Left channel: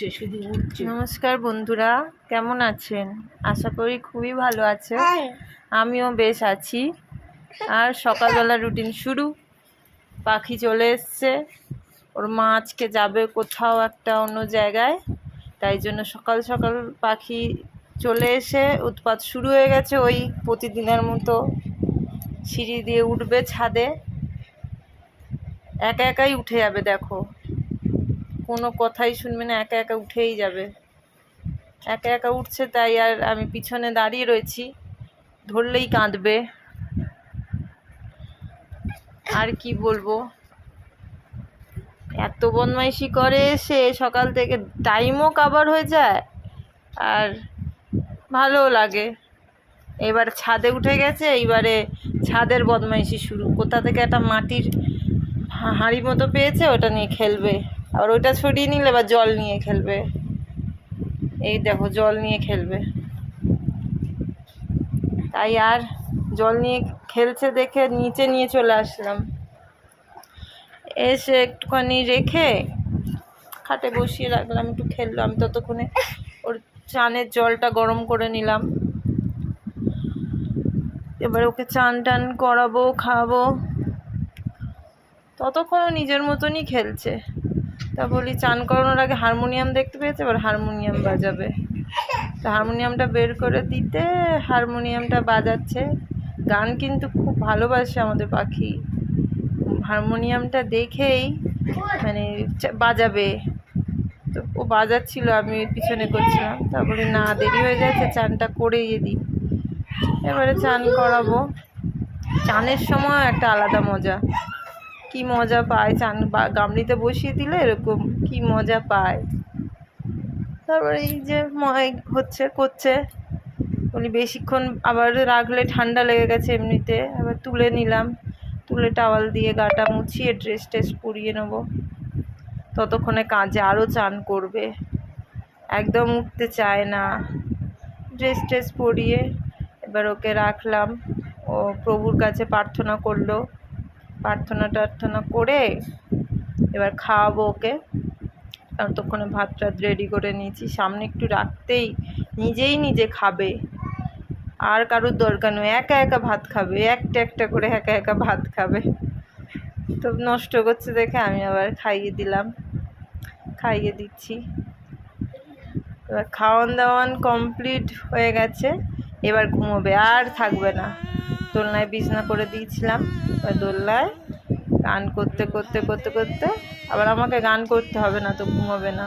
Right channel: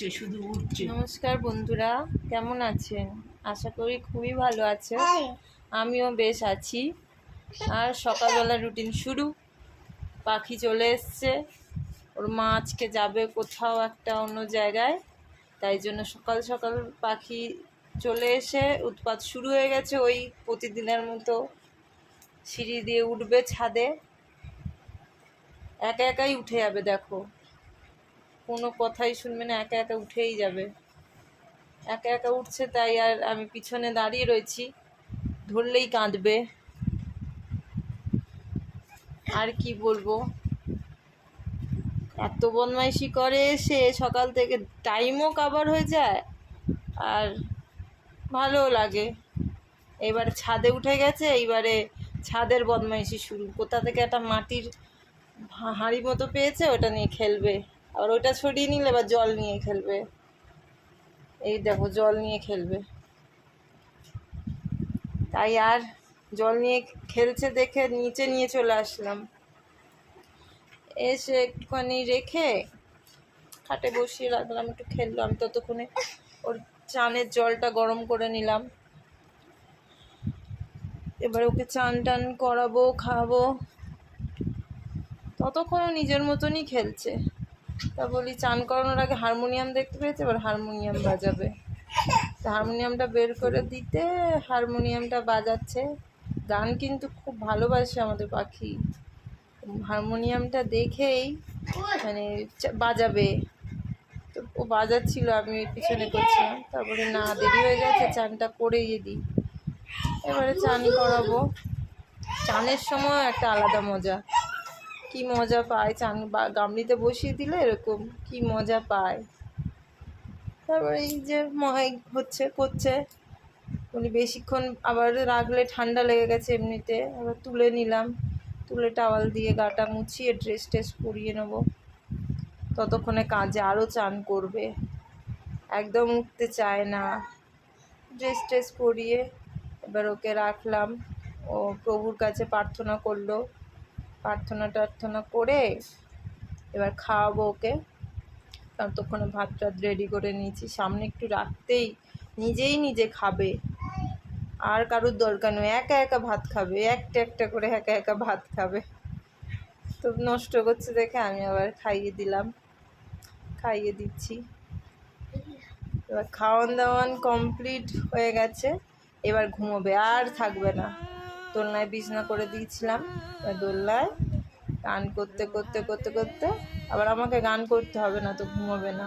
উঠছে, শুধু উঠছে। নমস্কার বন্ধুরা, কেমন আছেন? আশা করি খুবই ভালো আছে। আমিও বেশ আছি। আর সকালবেলা রুটিন শুরু। পাখি চলে এসছে, ওর মা আজকে যাবে কোথাও একটা অন্য জায়গায়, তাই জন্য সকাল সকাল পাখি চলে এসে উৎপাত শুরু হয়ে গেছে। ওই প্রতিদিনের মতো সিঁড়ি দিয়ে উঠবে ছাদে, একা একাই উঠে যাবে। দেখো, কোনো কথাই শুনবে না, একা একা উঠেই যাবে। একা একা উঠছে, তাই আর আমি পিছনে দাঁড়িয়ে রয়েছি, ধরলেই কাঁদবে। আর কি বলবো, এত বদমাইশি করে সে সকাল থেকে, টাইমও কাভার হয়ে যায় আর ভালোও লাগে। এবার ছাদে উঠে গেছে, এইবারে ছাদের বদমাইশি শুরু। কোথা থেকে একটা মাটির হাঁড়ি মতো পেয়েছে, ওটা নিয়ে খেলবে। আর ওইটা ছড়িয়ে নিলে এবার জল নিয়ে খেলবে। এই দেখো, জল নিয়ে খেলবে। তাই আর জল নিয়ে খেলছে দেখে নিচে নিয়ে চলে আসলাম। এসে একটুখানি রেখে খাটে বসিয়ে রাখলাম, একটু খেললো। আমি ততক্ষণে ওর চানের জলটা গরম করে নিলাম। এবার ওকে চান টান করাবো, খাওয়াবো। ততক্ষণও নিজের মতনই খেলছে। তা বলি, চান করানোর আগে হারমোনিয়াম দেখতে পেয়েছে, এবার হারমোনিয়াম বাজাবে। তো হারমোনিয়ামটা বের করে দিতে হারমোনিয়ামটা বাজাচ্ছে। গান কিন্তু খুব ভালোবাসে আমাদের পাখি। হারমোনিয়ামটা দেখেই মানে বাজাবে। তো ও বাজাচ্ছিল, আমি পিছনে করছিলাম। তারপরে না, দেরি হয়ে গেছে, চানটা করেই দিই। এবারে চান করাবো। চানের সময় একটা আলাদা মজা, কি মজা পায়। চান গামলিতে বসিয়ে দিলে এরকম কি মজা পায়। তারপরে এই যে করছে, উনি বেশিক্ষণ আবার রাখলে ঠান্ডা লেগে গেছে এমনিতে। আবার তুলে নিলাম, তুলে টাওয়াল দিয়ে গাটা মুছিয়ে ড্রেস ট্রেস পরিয়ে নেবো। ততক্ষণে কাজে আরও চান করবে, একদম উঠতে চায় না। ড্রেস ট্রেস পরিয়ে এবার ওকে রাখলাম। ও প্রভুর কাছে প্রার্থনা করলো। প্রার্থনা করে এবার খাওয়াবো ওকে। ততক্ষণে ভাত টাত রেডি করে নিয়েছি, সামনে একটু রাখতেই নিজে খাবে। আর কারোর দরকার নেই, একা একা ভাত খাবে, একটা একটা করে একা একা ভাত খাবে। তো নষ্ট করছে দেখে আমি আবার খাইয়ে দিচ্ছি। এবার খাওয়ান দাওয়ান কমপ্লিট হয়ে গেছে, এবার ঘুমোবে, আর থাকবে না। দোলনায় বিছনা করে দিয়েছিলাম, এবার দোলনায় গান করতে আবার আমাকে গান করতে হবে না, তো ঘুমোবে না।